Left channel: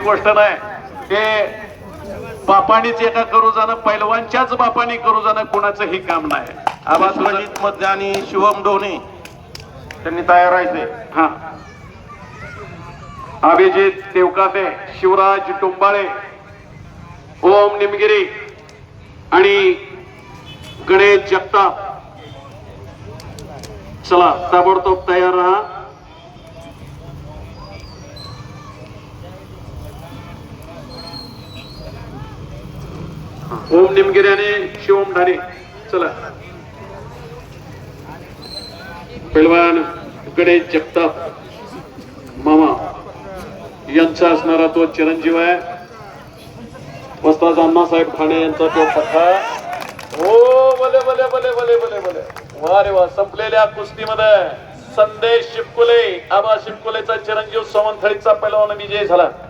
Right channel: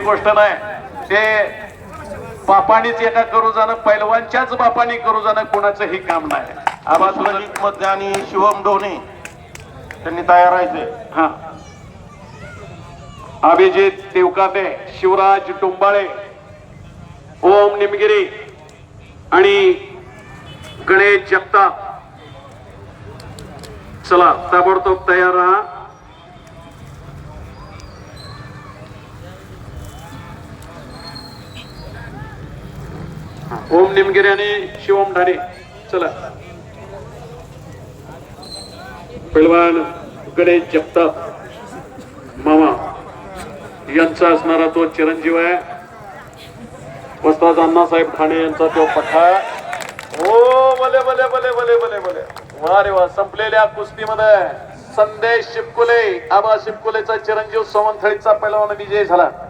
गोष्ट नाही ते बापानीच एका करू जाणं पैलवानच्याच बापानी करू जाणं कोणाचं हे काम नाही. आवाज ललित मध्ये आणि शिवम ढोणे त्यांनी तयार राहायचे. हा अभिजित देवकाते, शिवराज टुंबाळे, ओम निमगिरी आणि गणेश जगताप. चला ताबडतोब तयार राहा. ओम निमगिरी आणि शिवम ढारे. चला पैलवान गणेश जगताप मामा यांचा असणारा तो चिरंजीव आहे. वस्ताद अण्णासाहेब ठाणे यांचा तो पठा. हो भले भले भले भले भले भले वा रे वा. संपलेल्या कुस्तीमध्ये संदेश शिवकुले, आबा शिवकुलेचा चिरंजीव सोमनथळीचा पैलवान विजय झाला.